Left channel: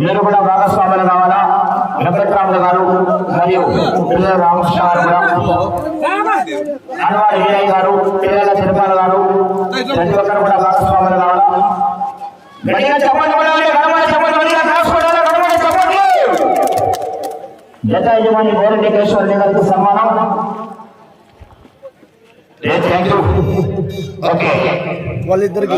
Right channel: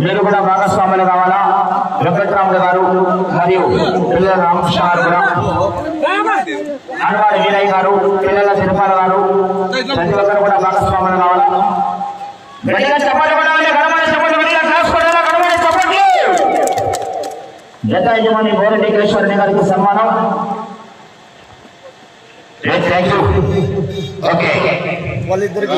మీరు కూడా భాగస్వాములు కావాలా? వెంకట్రాములు గారు మరియు పిల్లల రామకృష్ణ గారు అనవాడు వీరయ్య గారు పిల్లల తిరుపాల గారు ప్రతి ఒక్కరు కూడా భాగస్వాములు కావాలా? జత యజమాని బోరెడ్డి కేశ్వరుని గారికి సన్మానం. థ్యాంక్ యూ వాళ్ళిద్దరికి.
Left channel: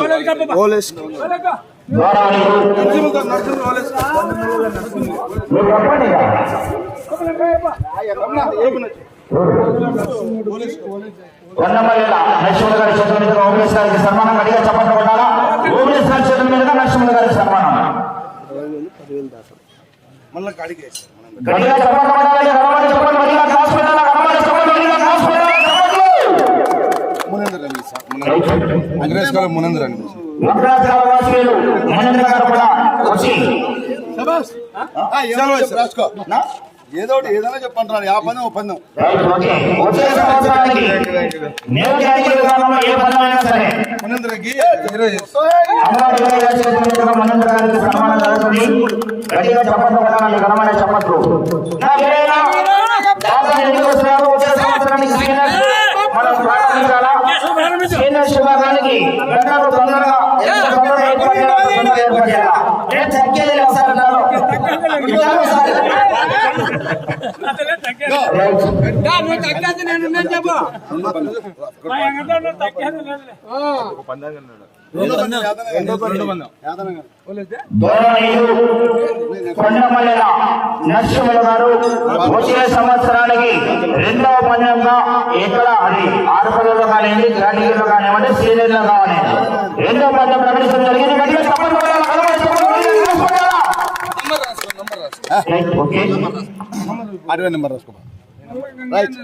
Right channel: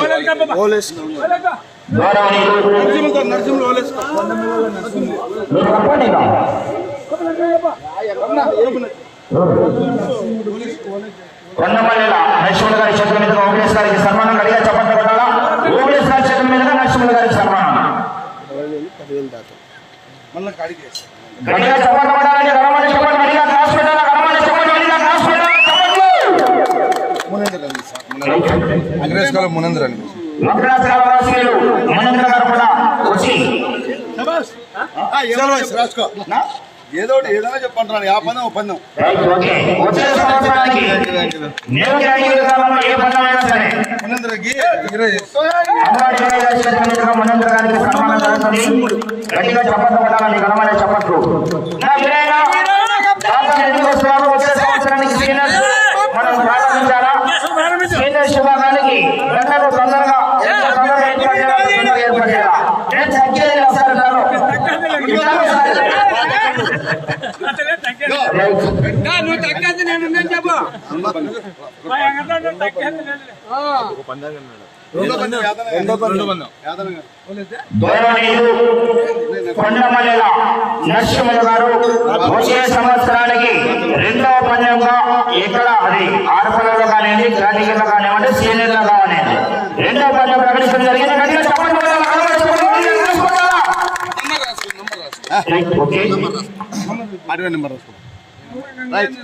కొండమల్లెల నరసింహుల గారి చేతుల మీదుగా ఓబీఎస్ గారికి సన్మానం గడిగా చెప్పండి కొట్టాలా? ఓబీఎస్ గారి చేతుల మీదుగా నరసింహుల గారికి సన్మానం? మళ్ళీ గడిగా చెప్పండి గడమని చెప్పండి గడిగా క్లాస్ పెట్టాలా? గడమని చెప్పండి గడిగా క్లాస్ పెట్టాలా? వాసులు మనంద్ర గారు కూడా వచ్చి రాసుకో. ఏదో ఏదైనా చెప్పంటున్నాను యా పని ఓ పందెం. మునేంద్రకి సీనియర్స్ విభాగానికి గంటకు తొందరగా చేయాలా? నేను తగ్గేది యాదన యాదన గారు. వచ్చే సంవత్సరానికి రెండవ పందెంగా ఎక్కడ అది ఆరుపల్లిలో కానివ్వండి గ్రాడ్యుయేట్లో కానివ్వండి సీనియర్లో కానివ్వండి. రెండవ పందెం ప్రకటించడం జరిగింది. గట్టిగా ఓకే అరవై నెంబర్ రాసుకో. Right.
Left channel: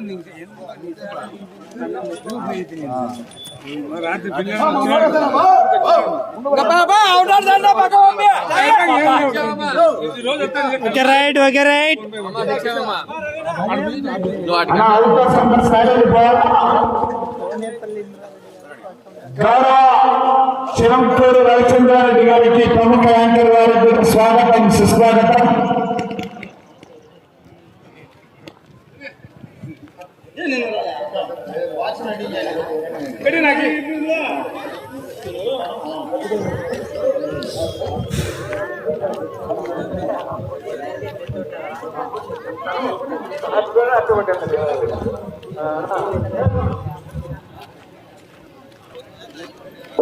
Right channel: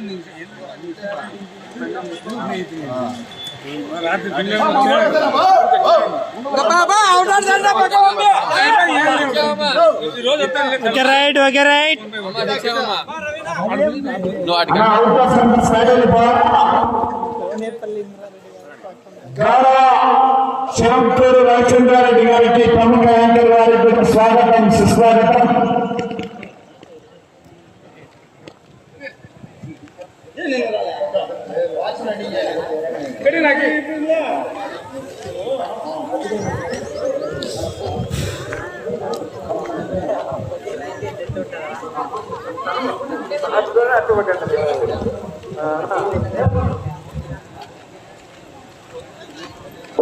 Okay right okay right. అలా అవకాశం సాగలేదు శివంపూరు రవిచంద్రారెడ్డి గారికి ప్రముఖ యాంకర్ గారికి స్వాగతం సుస్వాగతం.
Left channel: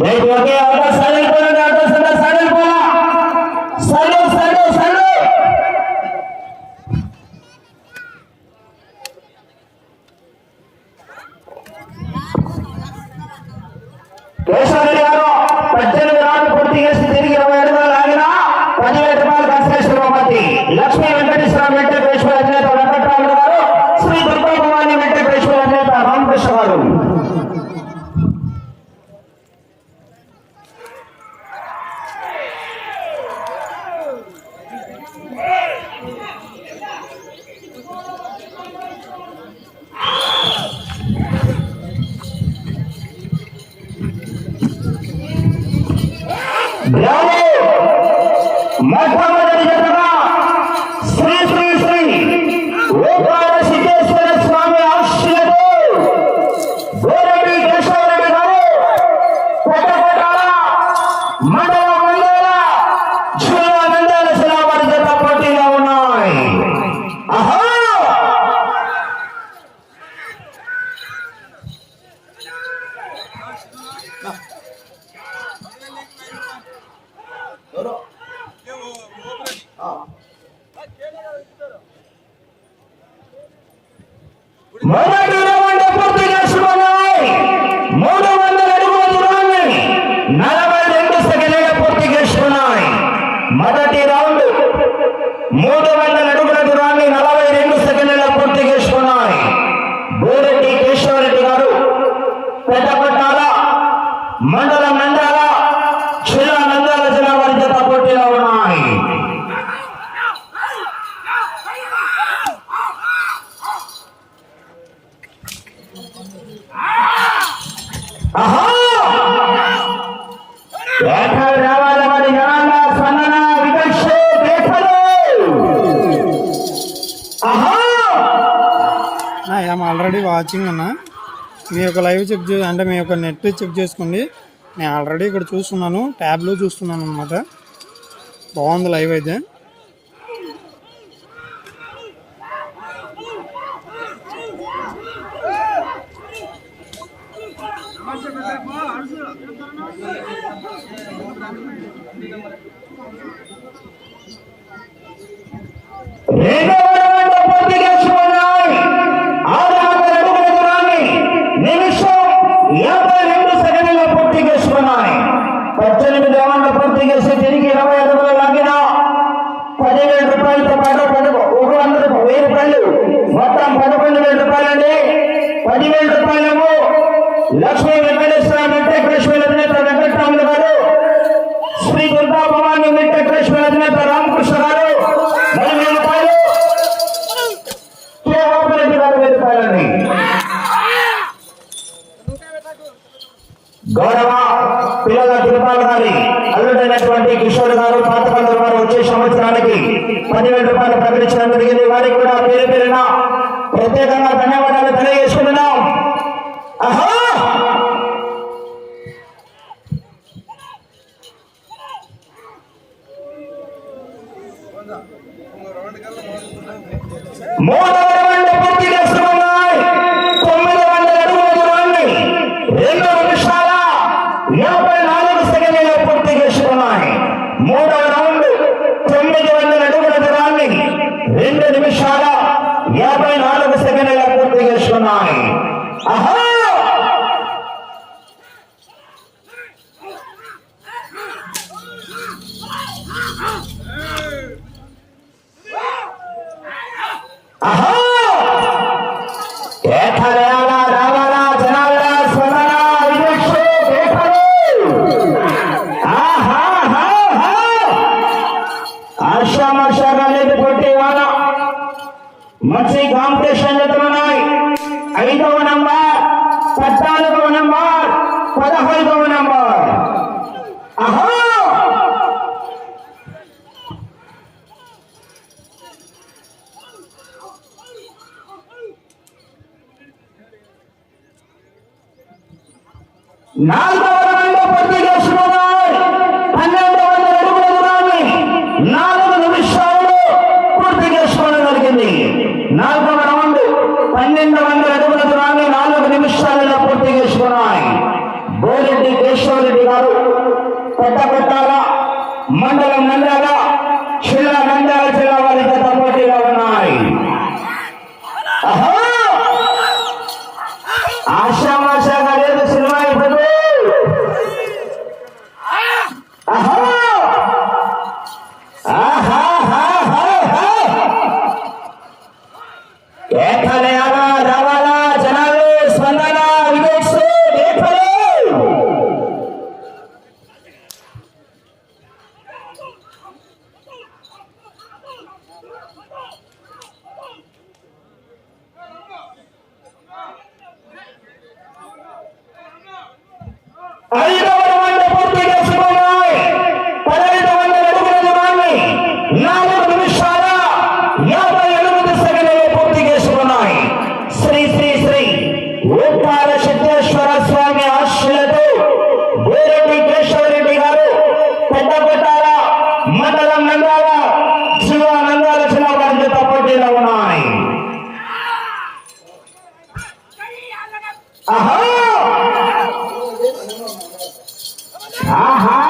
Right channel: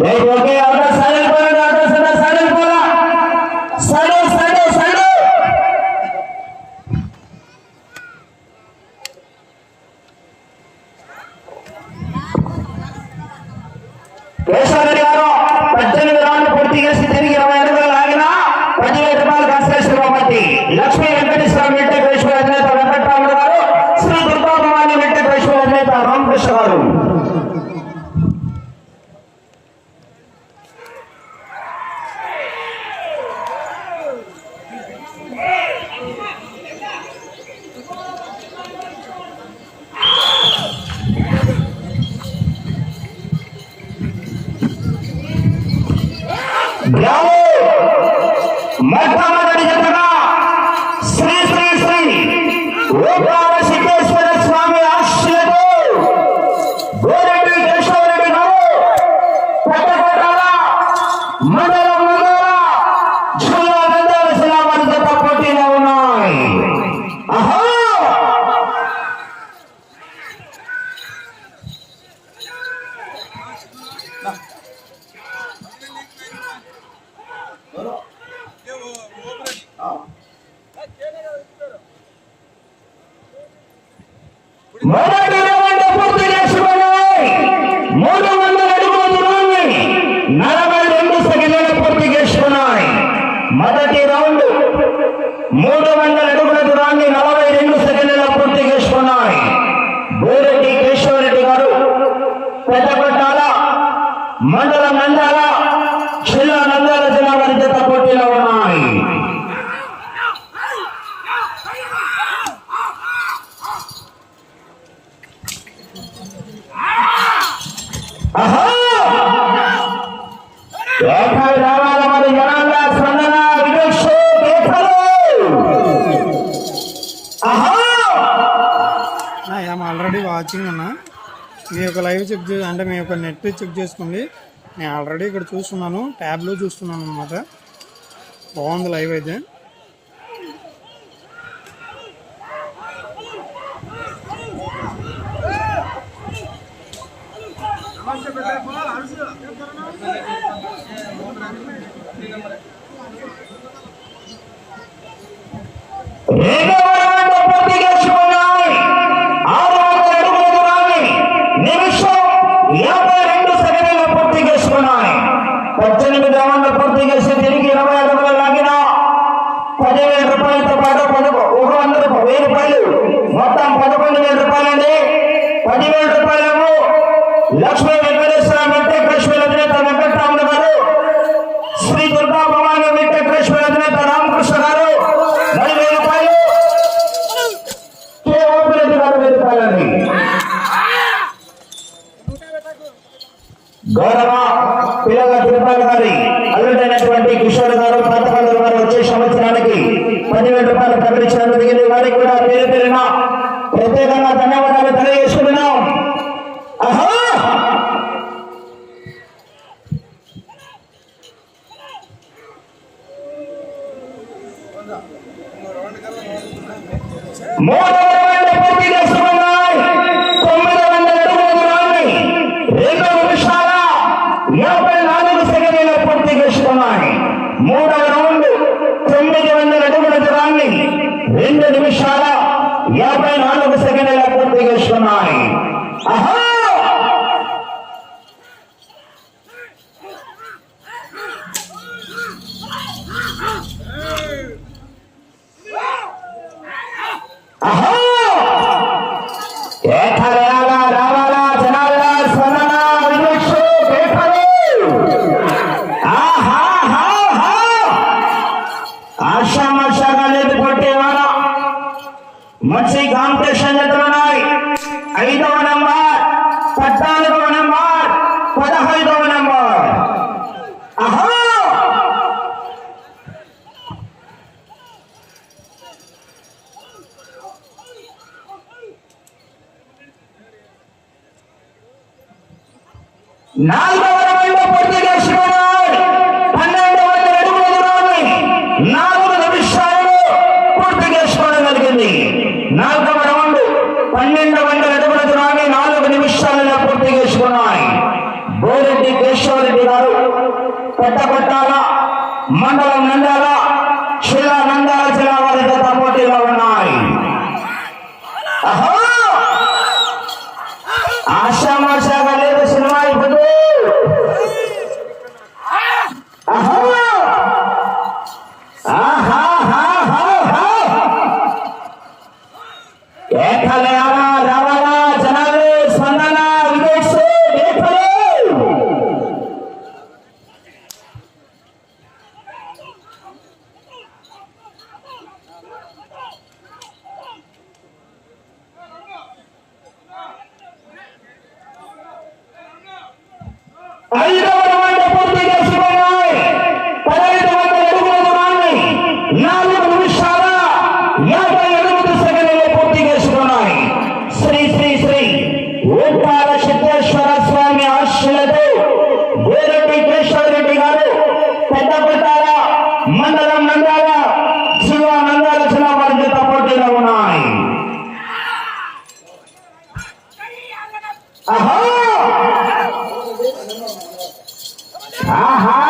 రైట్ ఓకే ఆటో సైడ్ అయిపోయింది ఆటో సైడ్ సైడ్ అయిపోలా సైడ్. సైడ్ আমরা শিখে మీరు చెక్ చేసుకోండి. నేను ఆల్రెడీ ఇక్కడ చూస్తున్నాను. ట్యాబ్లో చూస్తున్నాను అనమాట బాగుంది లైవ్ అయితే. గౌరవ పిల్లల తిరుపాల్ గారి అల్లుడైనటువంటి కిషోర్ గారు పాతకాలు వారు వచ్చే సంవత్సరానికి పదివేల రూపాయలు ప్రకటించడం జరిగింది. వారికి కూడా పేరు పేరున ప్రత్యేకంగా ధన్యవాదాలు తెలియజేసుకున్నాం నాలుగవ రౌండ్లో పోటీ Ah,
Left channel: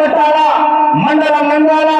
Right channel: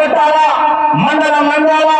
కొట్టాల మండలం నంద్యాల.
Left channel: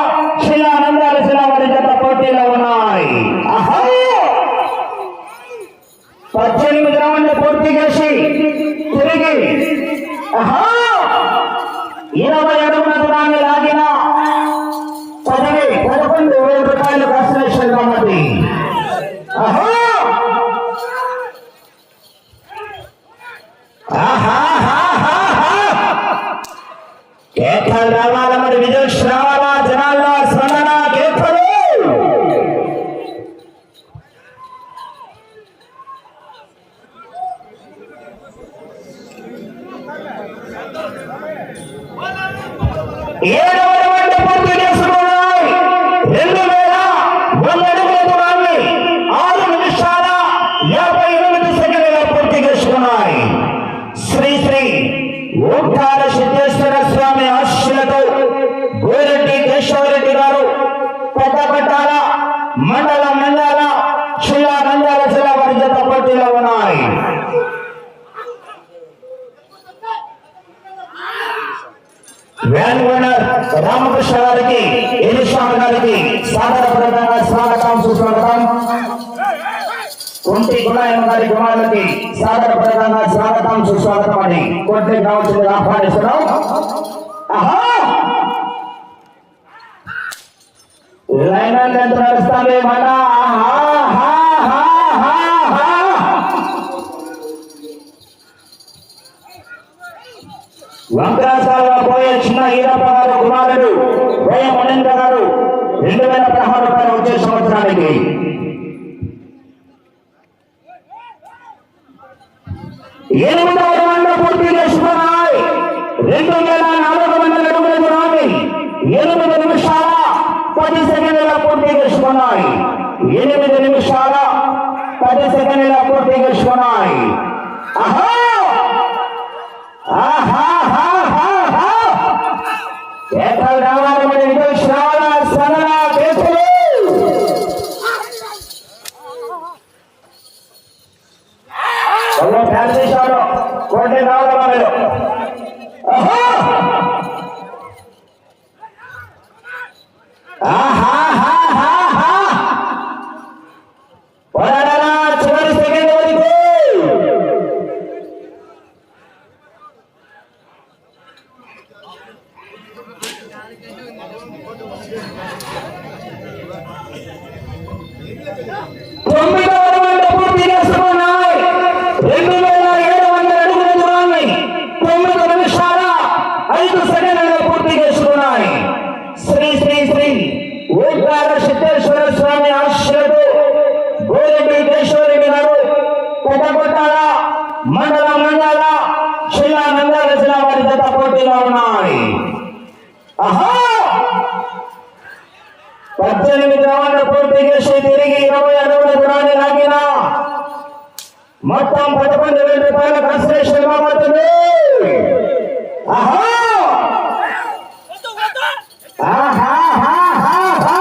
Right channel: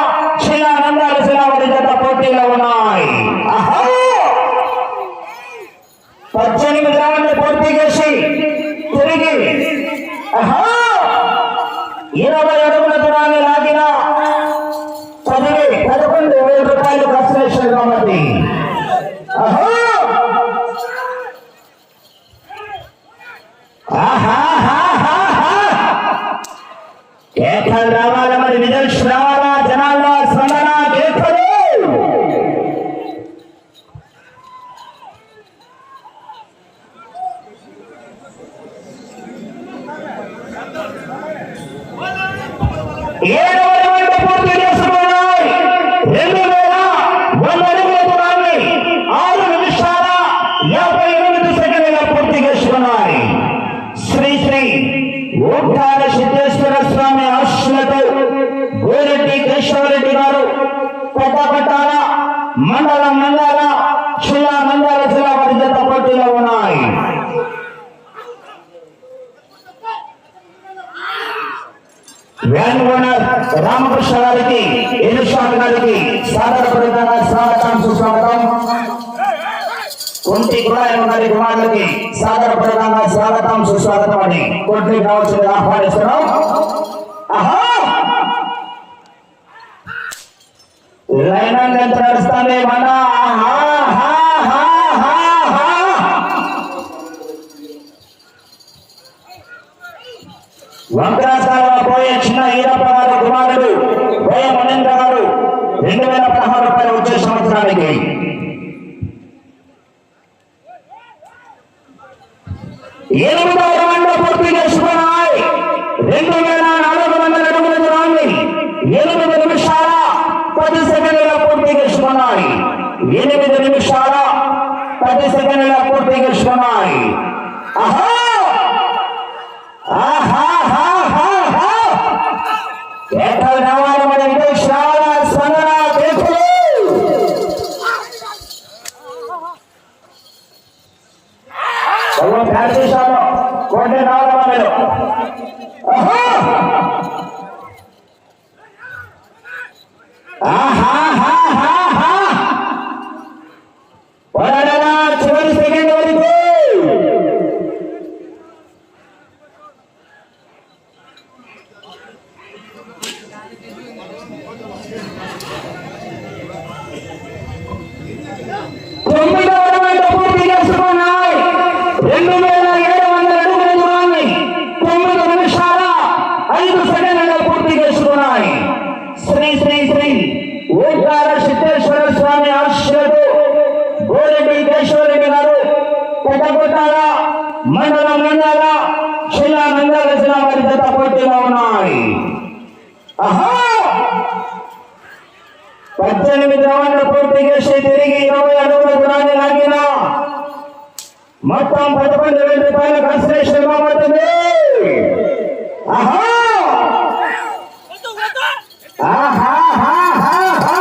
వారికి సాగర ప్రధానంగా స్వాగతం సుస్వాగతం అని కోట్లే కావచ్చు ఆహ్వానిస్తున్నాం. లైన్ ఎంత నడుస్తానే మన? ఆహా! కోమటిరెడ్డి కేశవరెడ్డి గారు కొత్తకొట్టాల మండలం నందాల జిల్లా నంద్యాల జిల్లా వారి జత పోటీలో ఉన్నాయి పద్దెనిమిది రౌండ్లు పూర్తి చేసి తిరిగి ఇరవై అడుగుల గుణాన్ని లాగిన మొత్తం పదకొండు వేల రూపాయల కన్సలేషన్ ఇవ్వబడుతుంది ఆహా ఆహా ఆహా ఆహా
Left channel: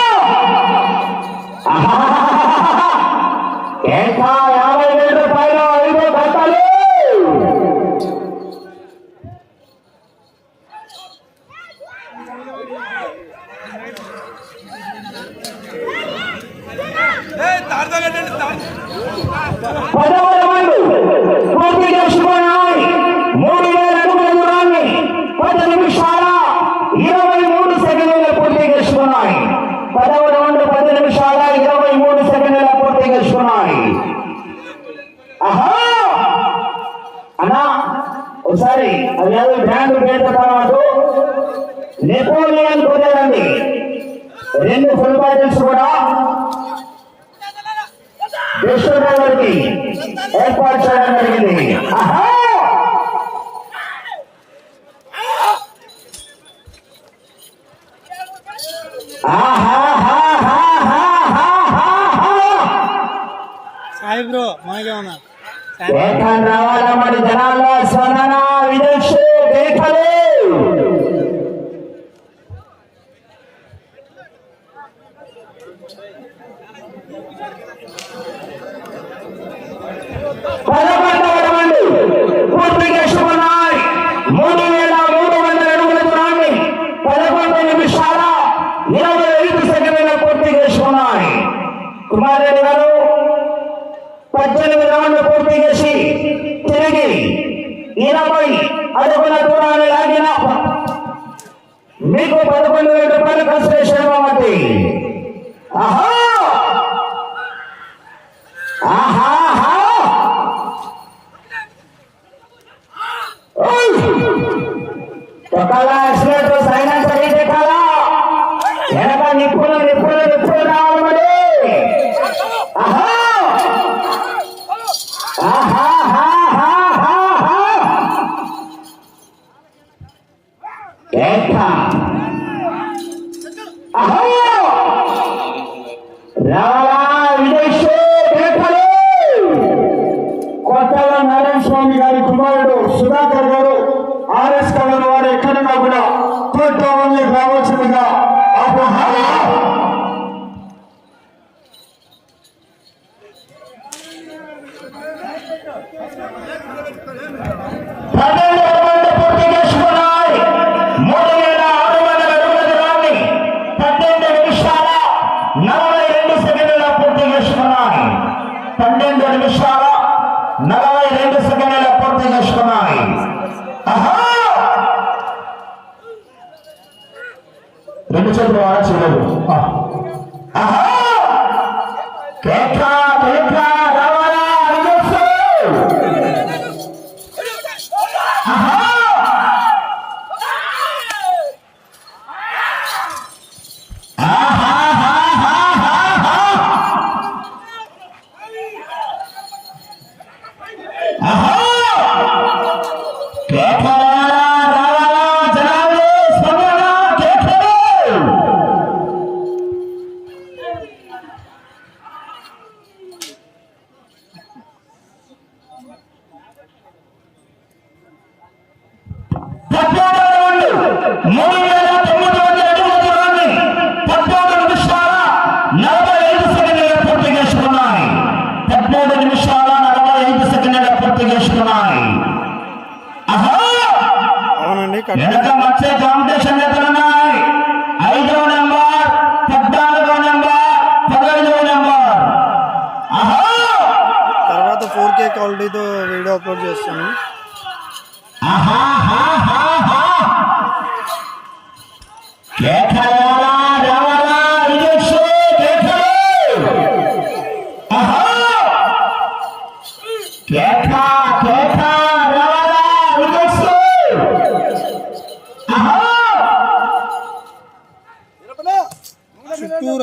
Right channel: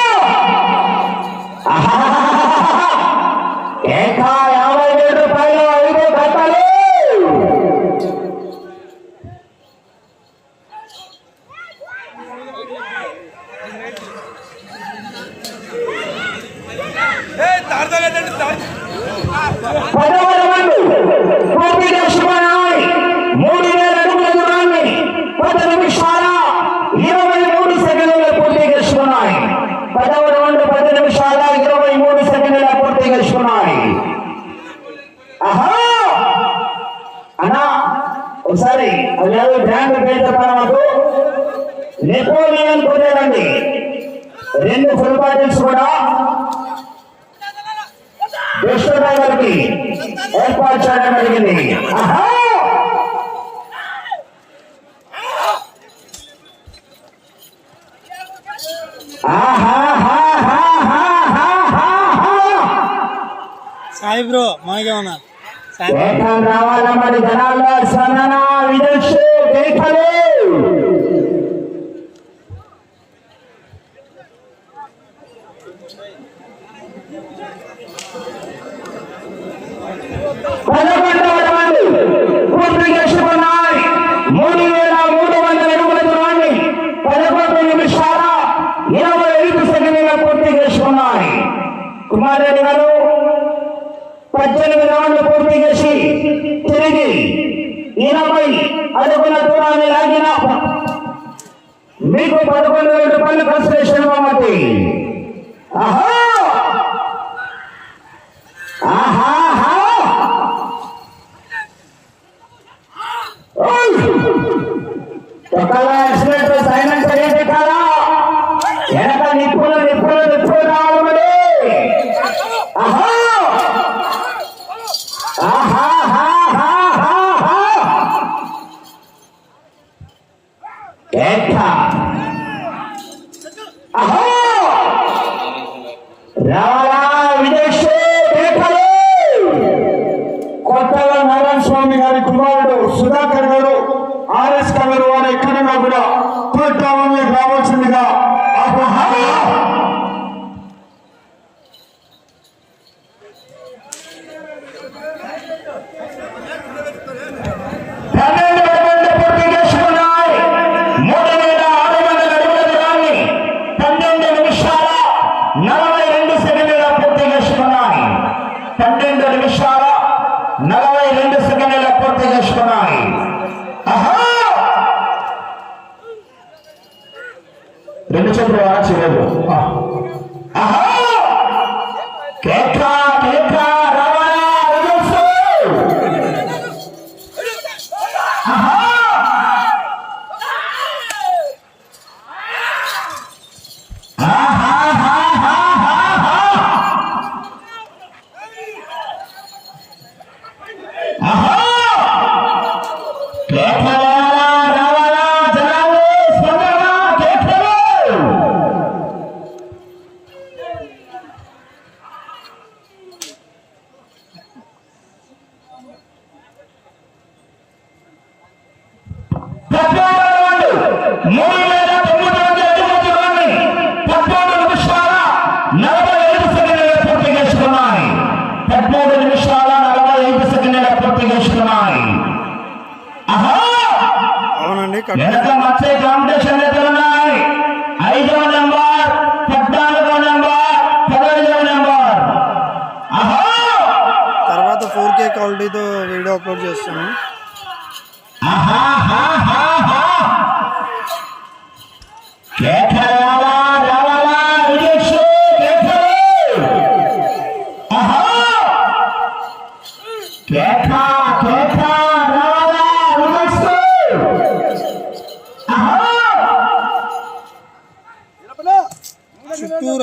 দুশো নম্বর কি এরপর ছয় নম্বর কি নেই సాయి బ్రో మనకే ఉన్నా రావాలా మరి జనాల్లో స్వర్ణ విదేశీ దేఖలే పద్దెనిమిది రౌండ్లు పూర్తి చేసి తిరిగి ఇరవై అడుగుల దూరాన్ని లాగిన మీకు పదకొండు వేల రూపాయలు ఖర్చు చేసిన కాబట్టి ఆహా! ఆహా ఒక యాక్సిడెంట్ సైలెంట్ స్వామి గారి కుమారుడు సుధాకర్ గారు ఆర్ఎస్ కవర్ వారు ఎక్కడన్నా కూడా ఉన్నాయి? తర్వాత ఫోర్ కే క్వాలిటీతో వీడియో అప్లోడ్ చేస్తాను. కేటరాల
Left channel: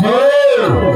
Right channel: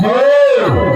Deus!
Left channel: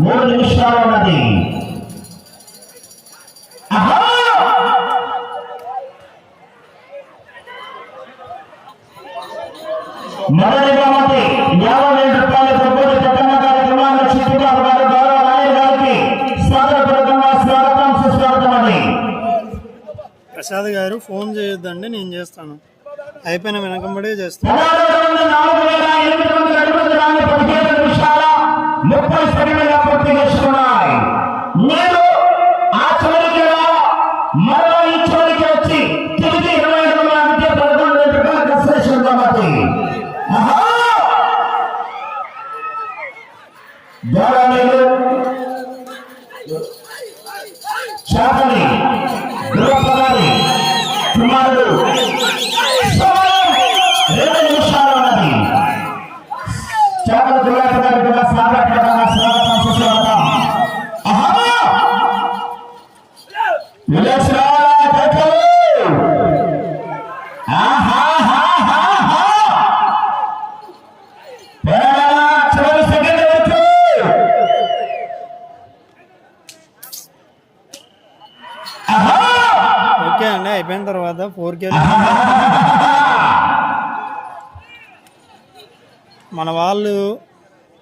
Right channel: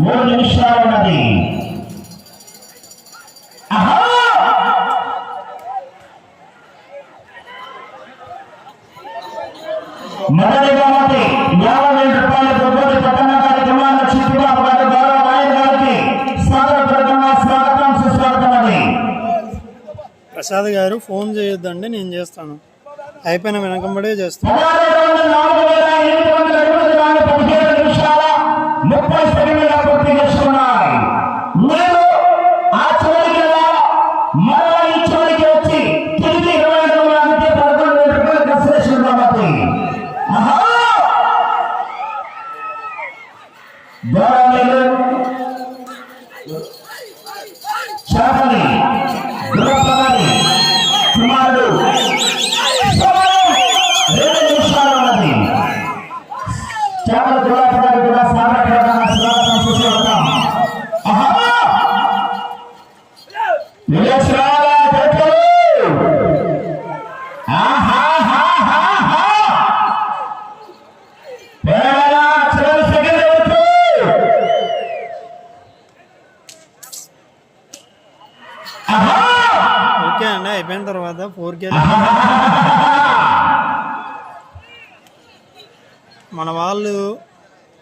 మూడు నిమిషాలు ఉన్నది. ఆహా! మొదటి బహుమతి యాభై వేల రూపాయల ప్రభుత్వ పట్టణ కార్యక్రమాల చిట్టుబాటు గౌరవ నాయర్ గారికి స్వాగతపూర్వకంగా స్వాగతం సుస్వాగతం అది. ప్రసాద్ గారు ఫోన్ చేయొద్దండి నేను చేస్తాను. అయిపోయిన వెనకంబడే చేస్తాను. ముప్పై సెకండ్ల పూర్తి చేసుకున్నాయి నేను ఆ చివరికి రా, మరో ఈ చివరికి వచ్చి తిరిగి ఇరవై ఐదు వేల మధ్య పదకొండు వేల రూపాయల కన్సలేషన్ బహుమతి ఆహా! దూరాలు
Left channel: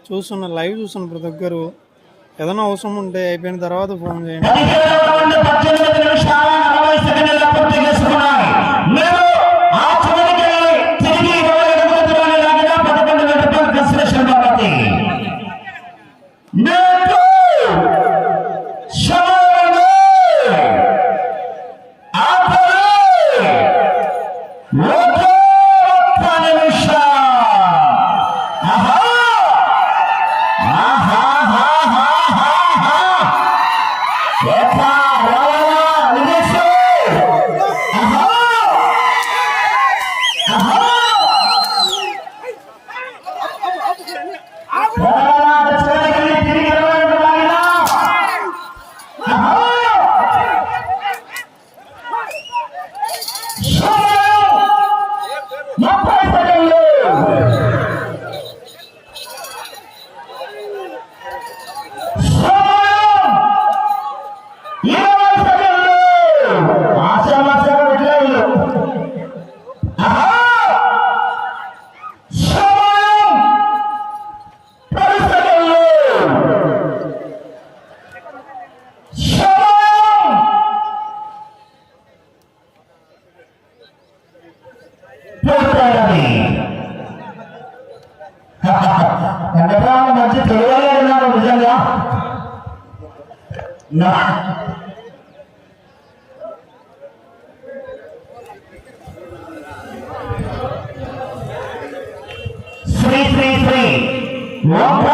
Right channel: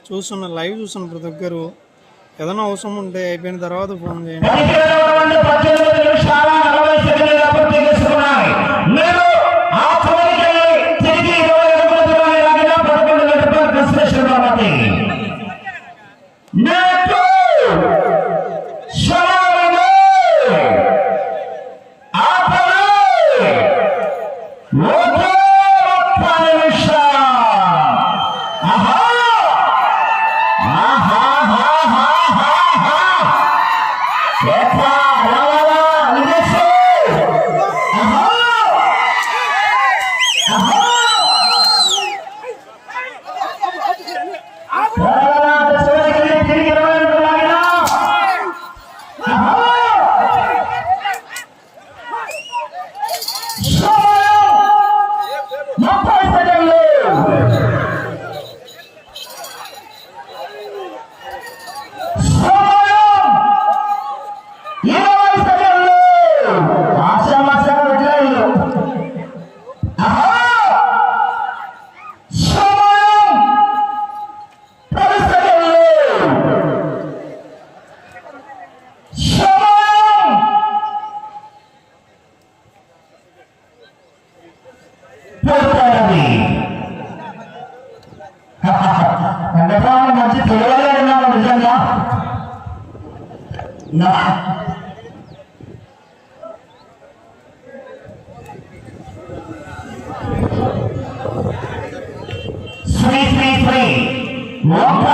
చూస్తున్న లైవ్ చూస్తున్న ప్రతి ఒక్కరు ఏదైనా అవసరం ఉంటే అయిపోయిన తర్వాత ఫోన్ చేయండి. నా శ్రీ శ్రీ శ్రీ ఒక్క